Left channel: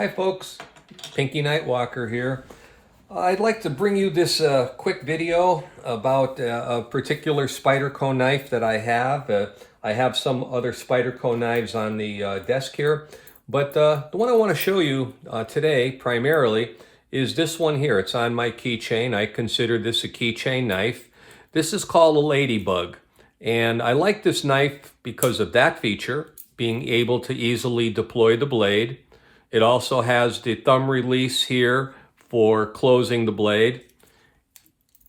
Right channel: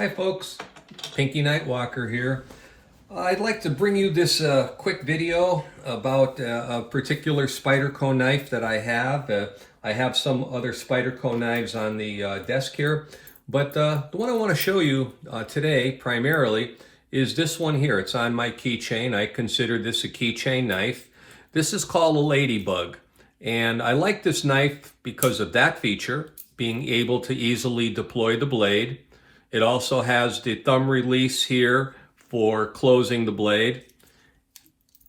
Hi folks, Pinky Nightwalker here. I'd like to bring you this quick video about a particular Spyderco knife that I have. I have some other Spyderco knives on the desk here, but the one I want to show you today primarily is this one here. It's on my keychain. I consider this a keychain knife. This is called a Ladybug, and I like this knife because of that feature, being able to easily deploy the blade. It also has the thumb release here for closing the blade.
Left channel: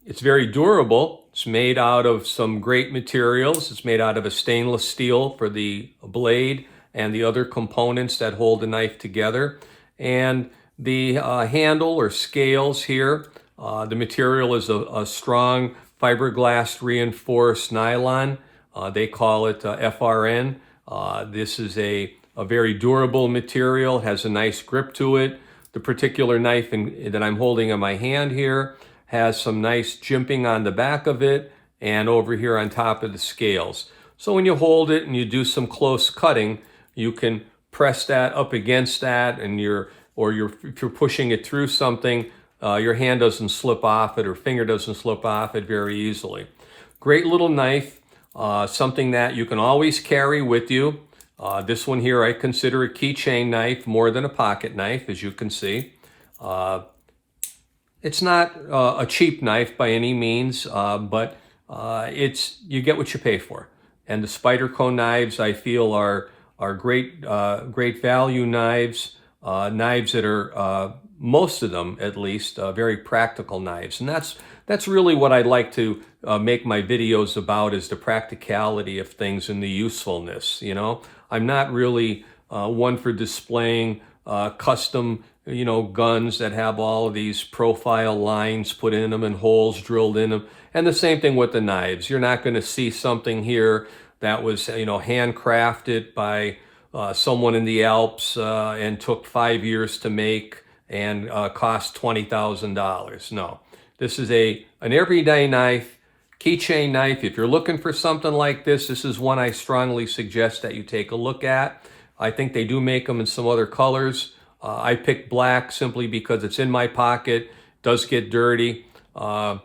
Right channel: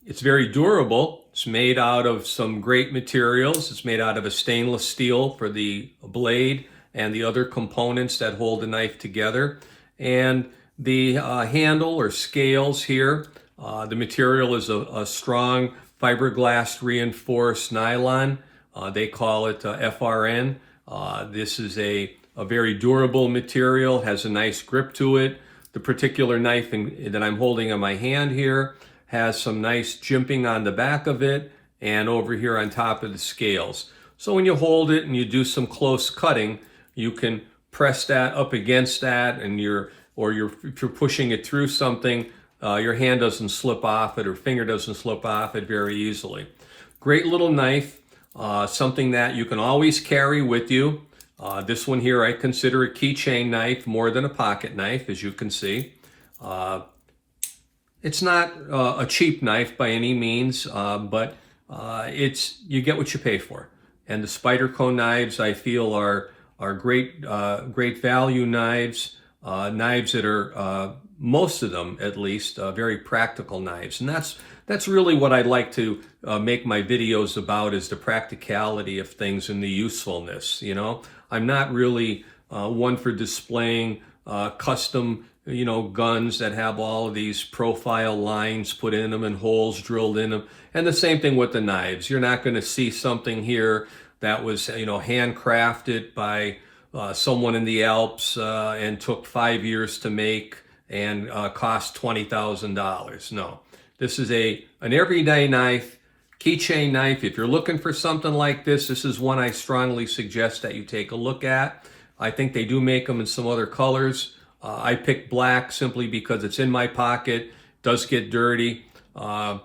It's very durable. It's made out of some great materials. It's made out of a stainless steel for the blade and the other components that hold the knife together. And the handle or scales here, the material is a strong fiberglass reinforced nylon. They call it FRN. This is a very durable material, has a nice grip to it. The particular knife that I'm holding in my hand here has some nice jimping on the back of it and over here on top of the scales. So when you hold it and you do some close cutting, you can press that up against that, and if you're pushing it through something, your hand doesn't slip off it or finger doesn't slip off it very easily. Great little knife, something that you can always carry with you. This one here I consider a keychain knife more than a pocket knife, as you can see. It's not a cheap knife by any means, but you get what you pay for. And the Spyderco knives, I feel, are great value knives, knives that are most of them, at least, very practical knives. And that's really what I like to make my videos about, is the practicality of things and the usefulness. I'm not really one for displaying custom, guns that have all of these profile lines put in them and holes drilled in them. And the same thing with the knives. You're not going to see something here that was, handcrafted by someone in the Alps and took 5 years to make and cost $20,000. No, this is an everyday knife, keychain knife. If you're looking for something like this is one I strongly suggest that you take a look at. I think they do make them in some other colors. I picked black simply because it's in my pocket, does get dirty. I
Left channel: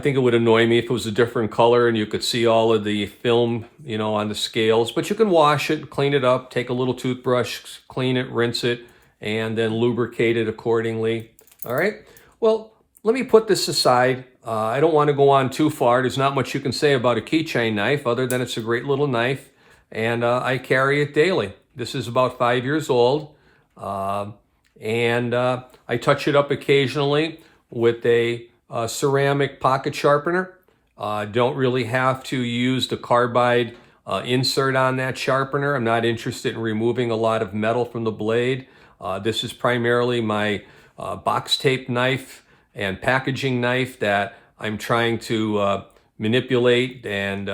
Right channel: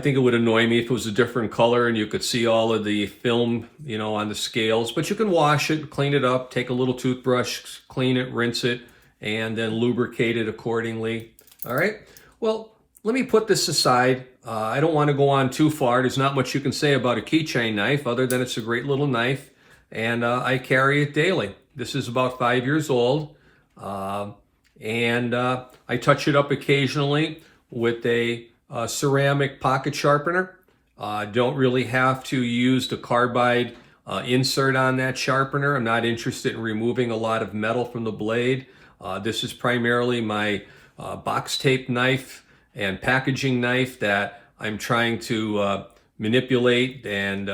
think it would annoy me if it was a different color and you could see all of the film, on the scales. But you can wash it, clean it up, take a little toothbrush, clean it, rinse it, and then lubricate it accordingly. All right. Well, let me put this aside. I don't want to go on too far. There's not much you can say about a keychain knife other than it's a great little knife, and I carry it daily. This is about 5 years old, and I touch it up occasionally with a ceramic pocket sharpener. Don't really have to use the carbide insert on that sharpener. I'm not interested in removing a lot of metal from the blade. This is primarily my box tape knife and packaging knife that I'm trying to manipulate and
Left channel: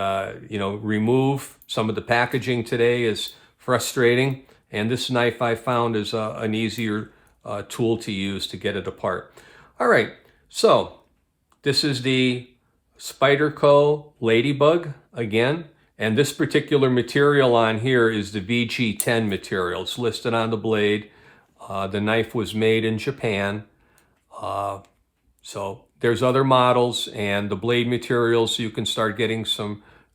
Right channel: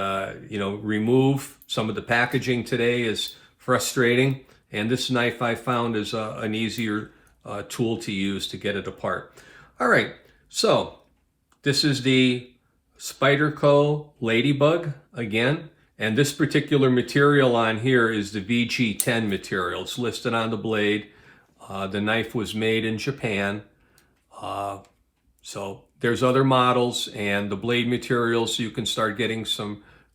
remove. Some of the packaging today is frustrating, and this knife I found is an easier tool to use to get it apart. All right, so this is the Spyderco Ladybug again, and this particular material on here is the VG10 material. It's listed on the blade. The knife was made in Japan. So there's other models, and the blade materials, you can start getting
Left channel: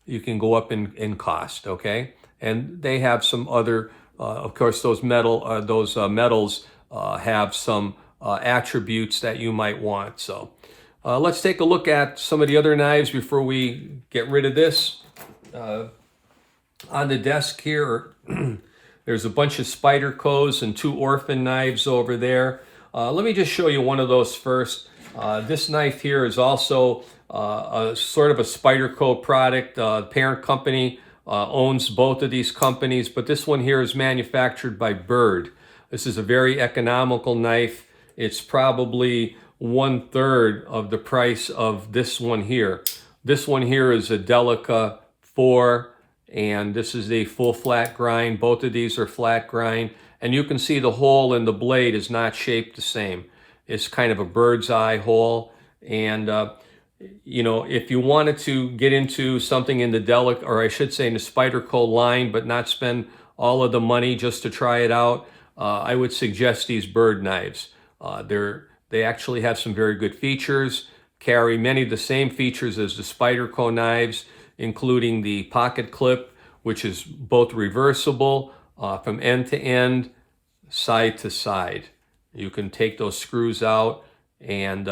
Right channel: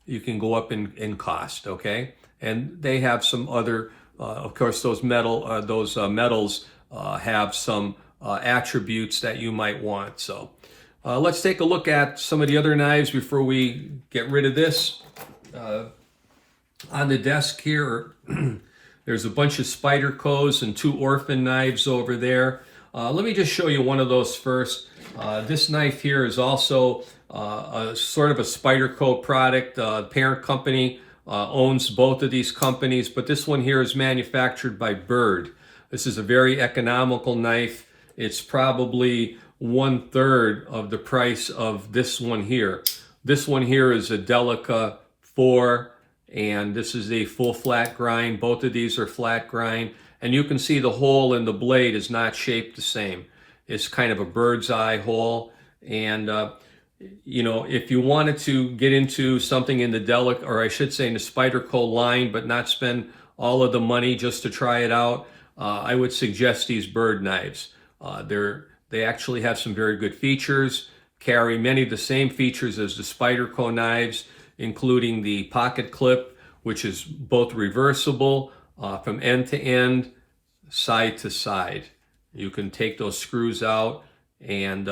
you can go up in cost, okay? And they have some other, of course, those metals have some attributes that you might want. So let's take a look at some of the other knives before we get rid of this. On the desk here, there's a bunch of Spydercos and 2 orphan knives over there. Let me just show you one of those first. This knife here is also a sort of a Spyderco product. The parent company owns both of these companies, but this one here is manufactured by Bird. This is a very economical knife. It's probably 1/3 of the price of this one here. This one here is a Delica 4, and this is a full flat grind. Both of these are flat grind, and you can see the hole in the blade is not shaped the same. It's kind of a bird's eye hole, and if you wanted to get into something in the Delica, or I should say in the Spyderco line, but not spend all of the money just to try it out, I would suggest these bird knives. They actually have some very good features, carry many of the same features as the Spyderco knives, including the pocket clip, which is both reversible from end to end, side to side. You can take those screws out, and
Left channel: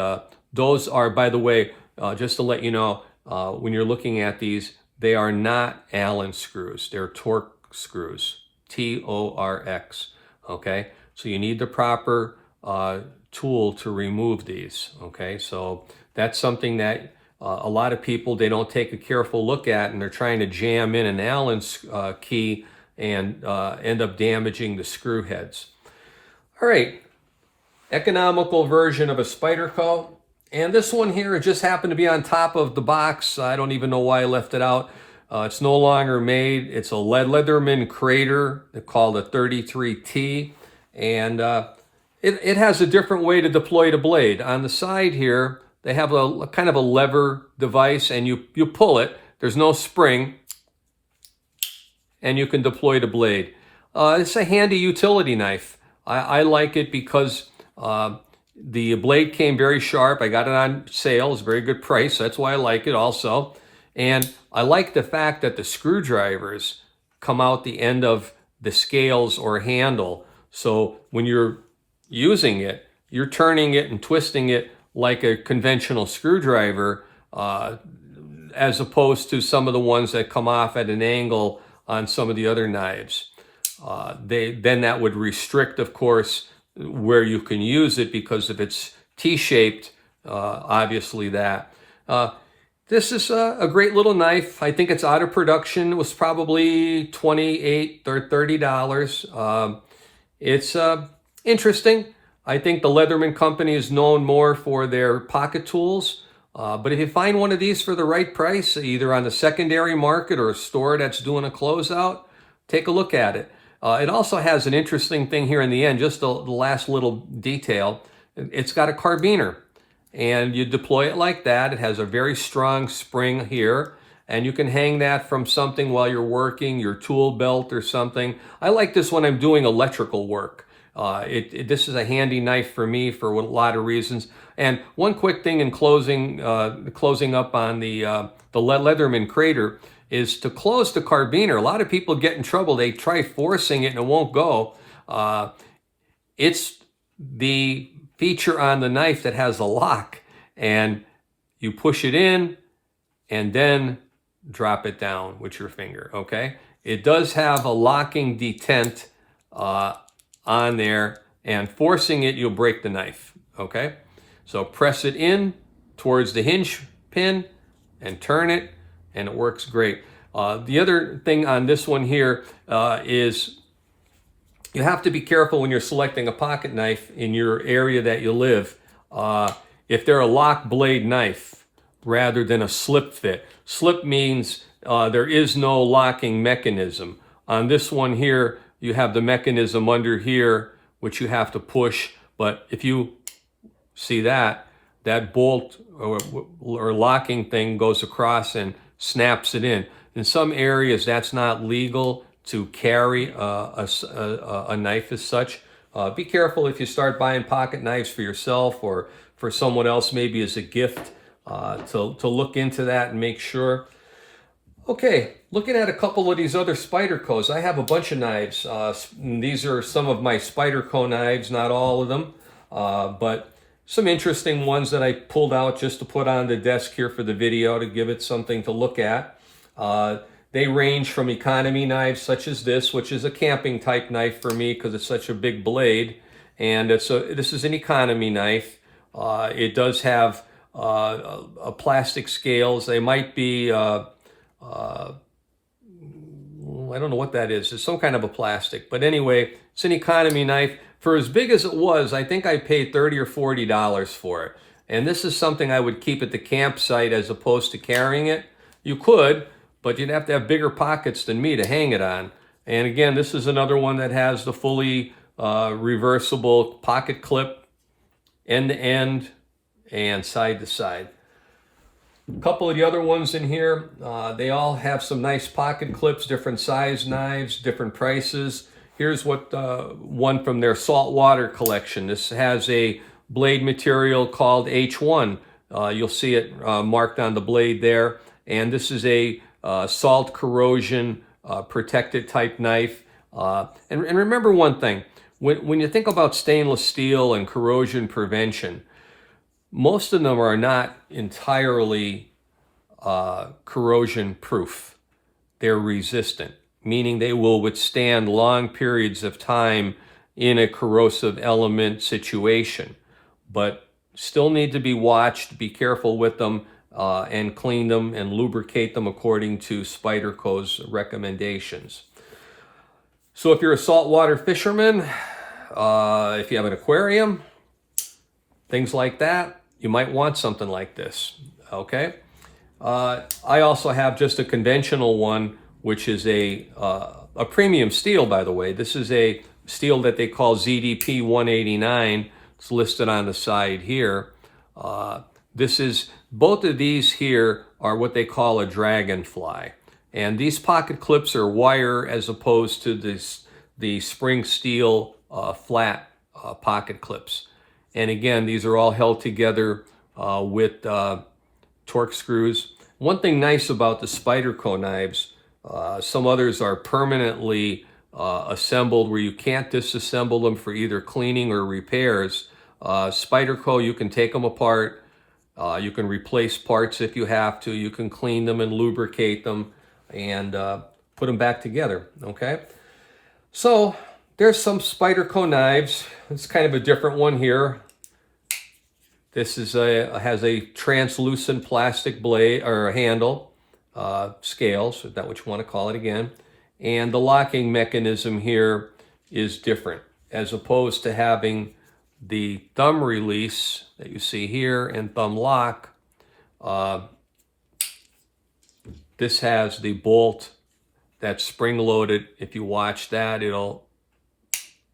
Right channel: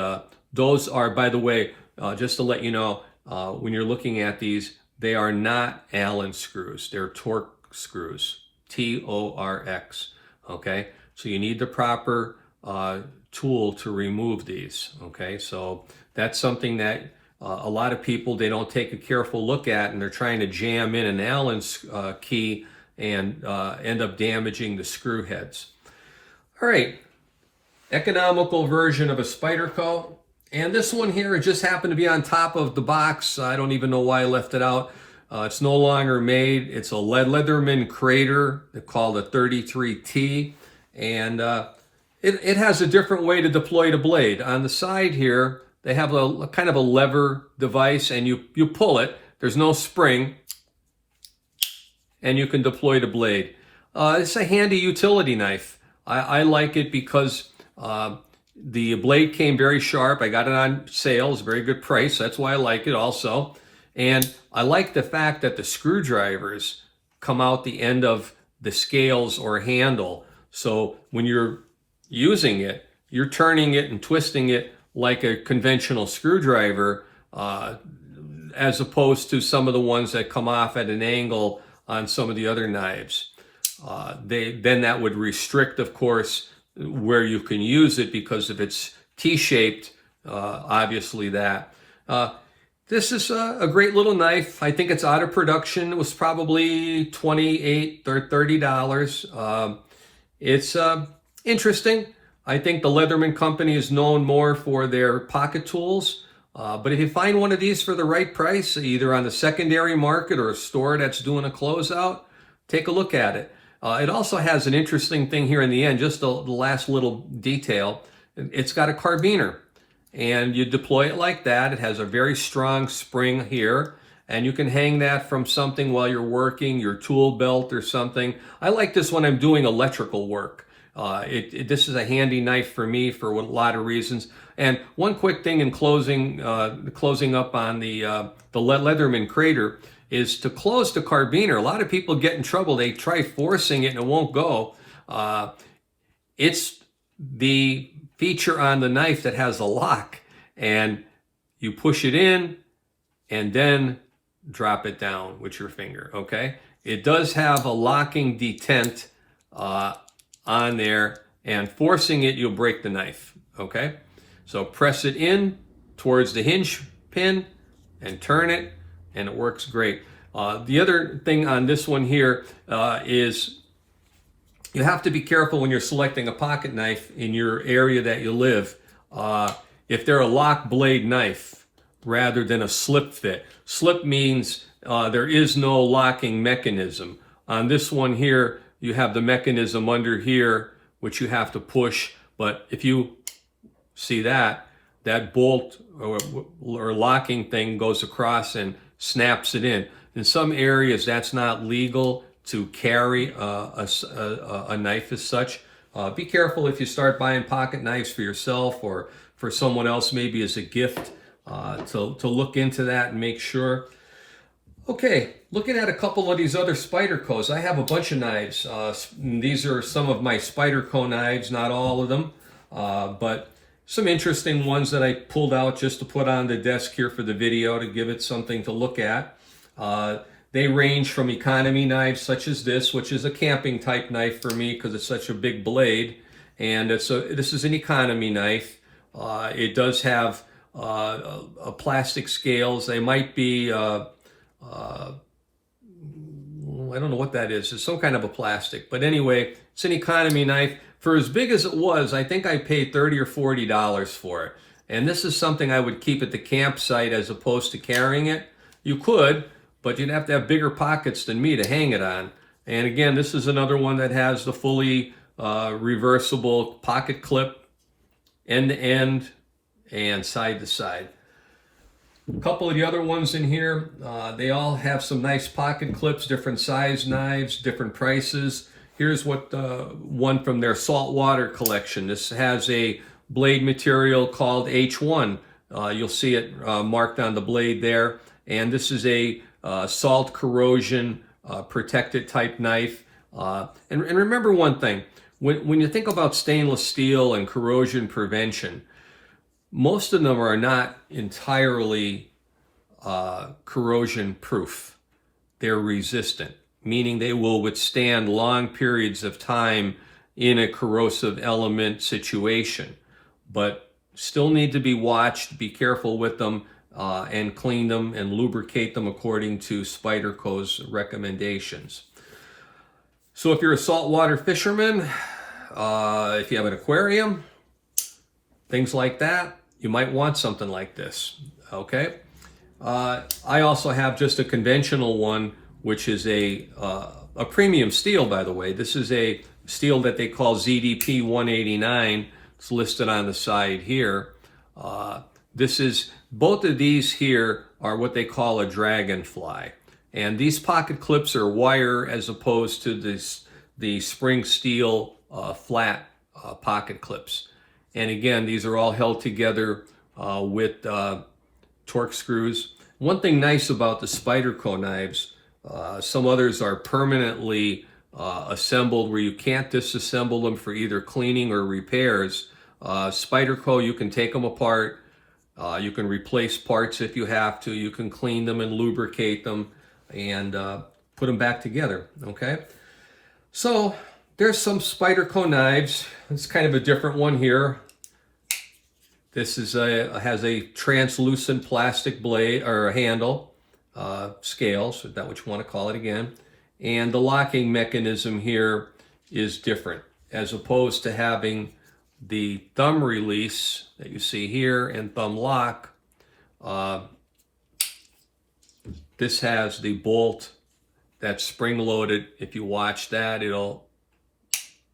those are, by the way, just to let you know, when you're looking at these, they are not Allen screws. They're Torx screws, Torx. Okay, so you need the proper tool to remove these. Okay, so that's something that a lot of people, they don't take a careful look at, and they're trying to jam in an Allen key and end up damaging the screw heads. All right, economical version of a Spyderco. And this one here, it just happened to be on top of the box. I don't even know why I left it out. It's no longer made. It's a Leatherman Crater. They're called a 33T. And it has a different way to deploy the blade. On the side here, they have a kind of a lever device, and you pull it. There's no spring, and you can deploy the blade. It's a handy utility knife. I like it because the blade came very sharp. I got it on sale. It's a very good price. That's why I like it also. And I like the fact that the screwdrivers come out the end of the scales or handle. So when you're using it, you're turning it and twisting it like a conventional screwdriver, as opposed to some of the ones that come off at an angle on some of the other knives. Then that would restrict, of course, where you can use it, because if it's T-shaped, obviously that. This is a great little knife. I think it's out of production. It was probably $28 or $30. It's interesting. I think the Leatherman company is known more for their pocket tools. But if you find one of these for the right price, either on the secondary market or a store that's doing a closeout, take a look at it. It also has an interesting thing here in the end, just the last little detail. It's got a carbiner, and you deploy it like that. It has a very strong spring here, and you can hang that from something while you're working, your tool belt or something. I like this when I'm doing electrical work. This is a handy knife for me for a lot of reasons. And one quick thing in closing up on the Leatherman Crater is to close the carbiner. A lot of people get in trouble. They try forcing it and it won't go. It's the feature on the knife that has a lock, and you push it in and then drop it down with your finger, okay? It does have a locking detent on there, and forcing it, you'll break the knife, okay? So press it in towards the hinge pin and turn it, and it works great. The other thing on this one here is you have to be careful when you're selecting a pocket knife in your area that you live. If they're a lock blade knife rather than a slip fit. Slip means there is no locking mechanism. On this one here, you have the mechanism under here, which you have to push. But if you see that bolt or locking thing goes across and snaps it in. In some areas, that's not legal to carry a knife as such. Be careful if you start buying pocket knives for yourself or for someone else, maybe as a gift, to look into that and make sure. Okay, looking at a couple of these other Spydercos, I have a bunch of knives. These are some of my Spyderco knives, not all of them, but some interesting ones that I pulled out just to put on the desk here for the video to give it something to look at. They range from economy knives such as this, which is a camping type knife for me because it's such a big blade, and this is an economy knife. It does have a plastic scales. They might be I don't know what that is. It's some kind of a plastic, but anyway, it's an economy knife. For as big as it was, I think I paid $30 or $40 for it. And this is something I would keep at the campsite as opposed to carrying it. You could, but you'd have to have bigger pockets than me to hang it on. And again, this is another one that has the fully reversible pocket clip, end to end and side to side. A couple of the other ones in here, they all have some nice pocket clips, different size knives, different prices. here's what one from their Saltwater Collection. This has a blade material called H1. You'll see it marked on the blade there. And this is a salt corrosion protected type knife. And remember one thing, when you think about stainless steel and corrosion prevention, most of them are not entirely corrosion proof. They're resistant, meaning they will withstand long periods of time in a corrosive element situation, but still need to be watched. Be careful with them and clean them and lubricate them according to Spyderco's recommendations. So if you're a saltwater fisherman, if you have an aquarium, things like that, you might want something like this, okay? I also have just a conventional one, which is a premium steel, by the way. This is a steel that they call ZDP 189. It's listed on the side here. Both of these here are what they call a Dragonfly. And these pocket clips are wire as opposed to the spring steel flat pocket clips. And again, these are all held together with torque screws. One thing nice about the Spyderco knives, some others are permanently assembled where you can't disassemble them for either cleaning or repairs. Spyderco, you can take them apart. You can replace parts if you have to. You can clean them and lubricate them and put them back together, okay? So there's some Spyderco knives. It's kind of a different one here. This is has a translucent plastic blade or handle, scales, if that's what you want to call it again. And the locking mechanism here is different, as opposed to having the thumb release that you see here and thumb lock. This has the bolt that's spring loaded. If you watch that, it'll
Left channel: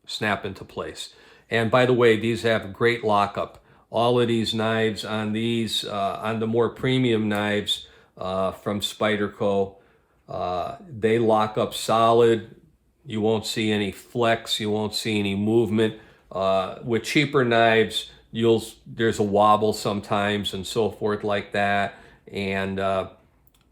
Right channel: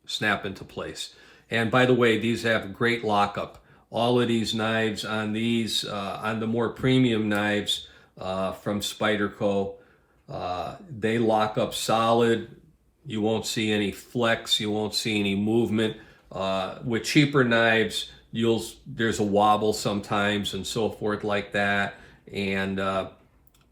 snap into place. And by the way, these have great lockup. All of these knives on these, on the more premium knives from Spyderco, they lock up solid. You won't see any flex. You won't see any movement. With cheaper knives, there's a wobble sometimes and so forth like that. And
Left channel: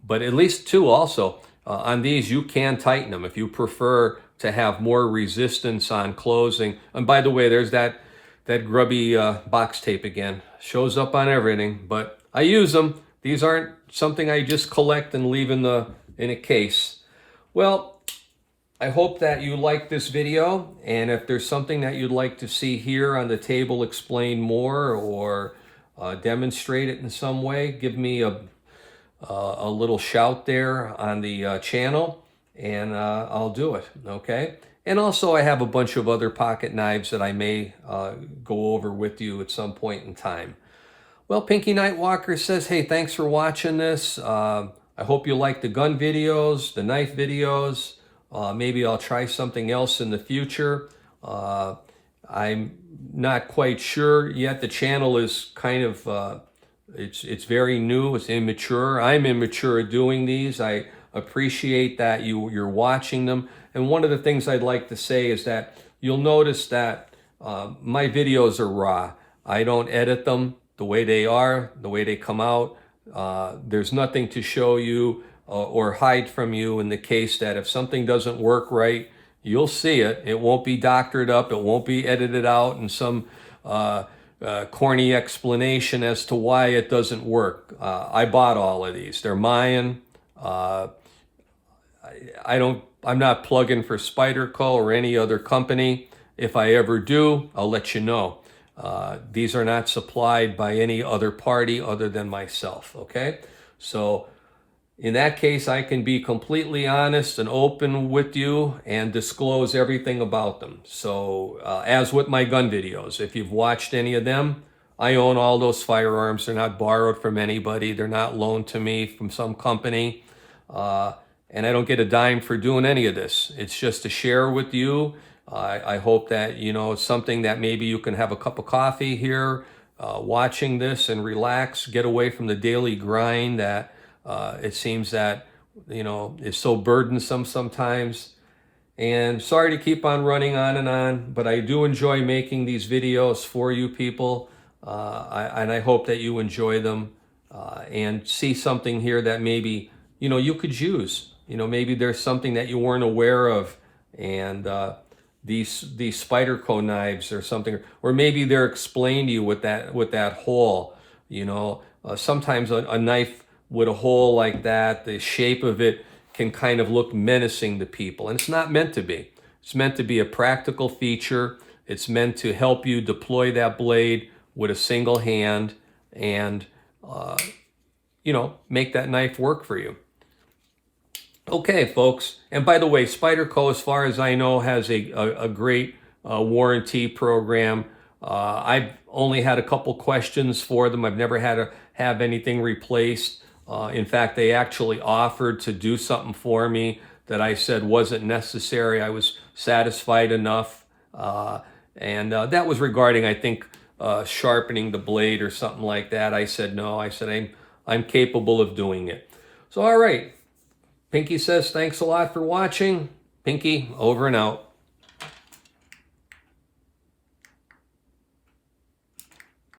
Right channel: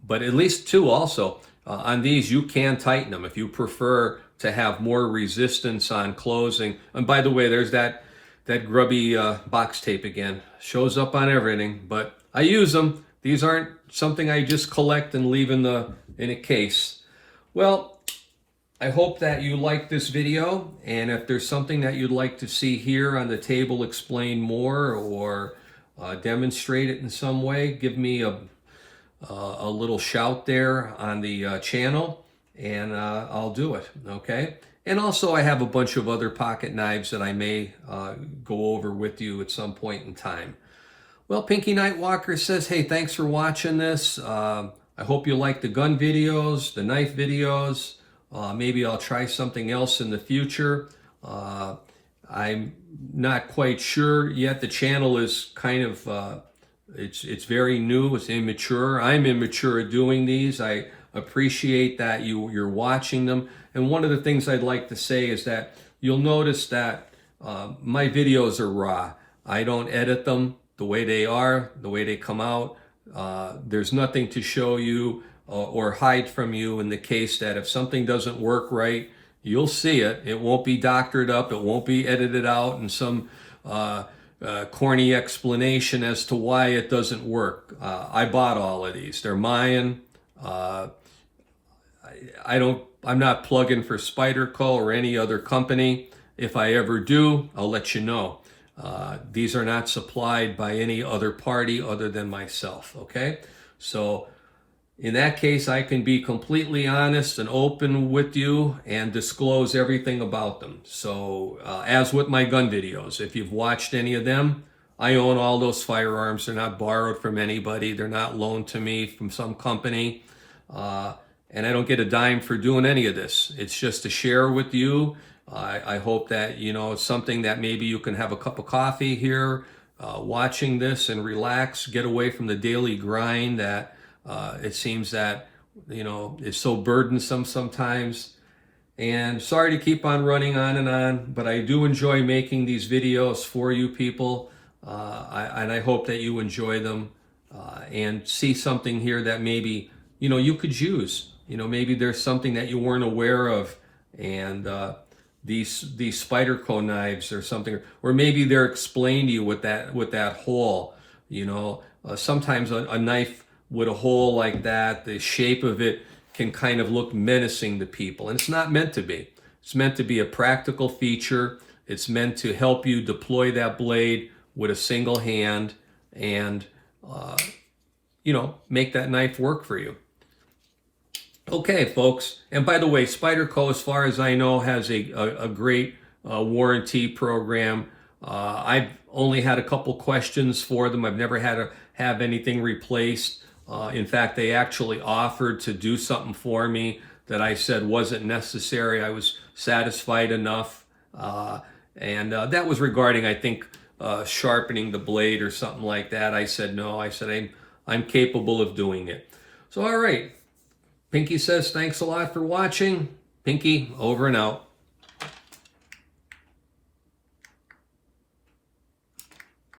but at least too also, on these you can tighten them if you prefer to have more resistance on closing. And by the way, there's that grubby box tape again. Shows up on everything, but I use them. These aren't something I just collect and leave in a case. Well, I hope that you like this video, and if there's something that you'd like to see here on the table explained more or demonstrate it in some way, give me a little shout there on the channel, and I'll do it, okay? And also I have a bunch of other pocket knives that I may go over with you at some point in time. Well, Pinky Nightwalker says, hey, thanks for watching this. I hope you like the gun videos, the knife videos. Maybe I'll try something else in the future. I'm not quite sure yet. The channel is kind of, it's very new, it's immature. I'm immature at doing these. I appreciate that you're watching them. And one of the things I'd like to say is that you'll notice that my videos are raw. I don't edit them the way they are, the way they come out. There's nothing to show you or hide from you in the case that if something doesn't work right, you'll see it. It won't be doctored up. It won't be edited out in some corny explanation as to why it doesn't work. I bought all of these. They're mine. I'm not plugging for Spyderco or any other company. If I ever do, I'll let you know. These are not supplied by any other party other than myself, okay? So in that case, I can be completely honest and open with you and disclose everything about them. So as with my gun videos, if you've watched any of them, I own all those firearms. They're not borrowed from anybody. They're not loaned to me from some company. And I don't get a dime for doing any of this. It's just to share with you. I hope that, it's something that maybe you can have a cup of coffee here, watching this and relax, get away from the daily grind that it seems that, is so burdensome sometimes. And sorry to keep on running on and on, but I do enjoy making these videos for you people. And I hope that you enjoy them and see something here that maybe, you could use. Maybe there's something that you weren't aware of, and these Spyderco knives or something, or maybe they're explained to you with that hole. Sometimes a knife with a hole like that, the shape of it can kind of look menacing to people, and it's not meant to be. It's meant to be a practical feature. It's meant to help you deploy that blade with a single hand and make that knife work for you. Okay, folks. And by the way, Spyderco, as far as I know, has a great warranty program. I've only had a couple questions for them. I've never had to have anything replaced. In fact, they actually offered to do something for me that I said wasn't necessary. I was satisfied enough. And that was regarding, I think, sharpening the blade or something like that. I said no. I said I'm capable of doing it. So, all right. Pinky says thanks a lot for watching. Pinky, over and out.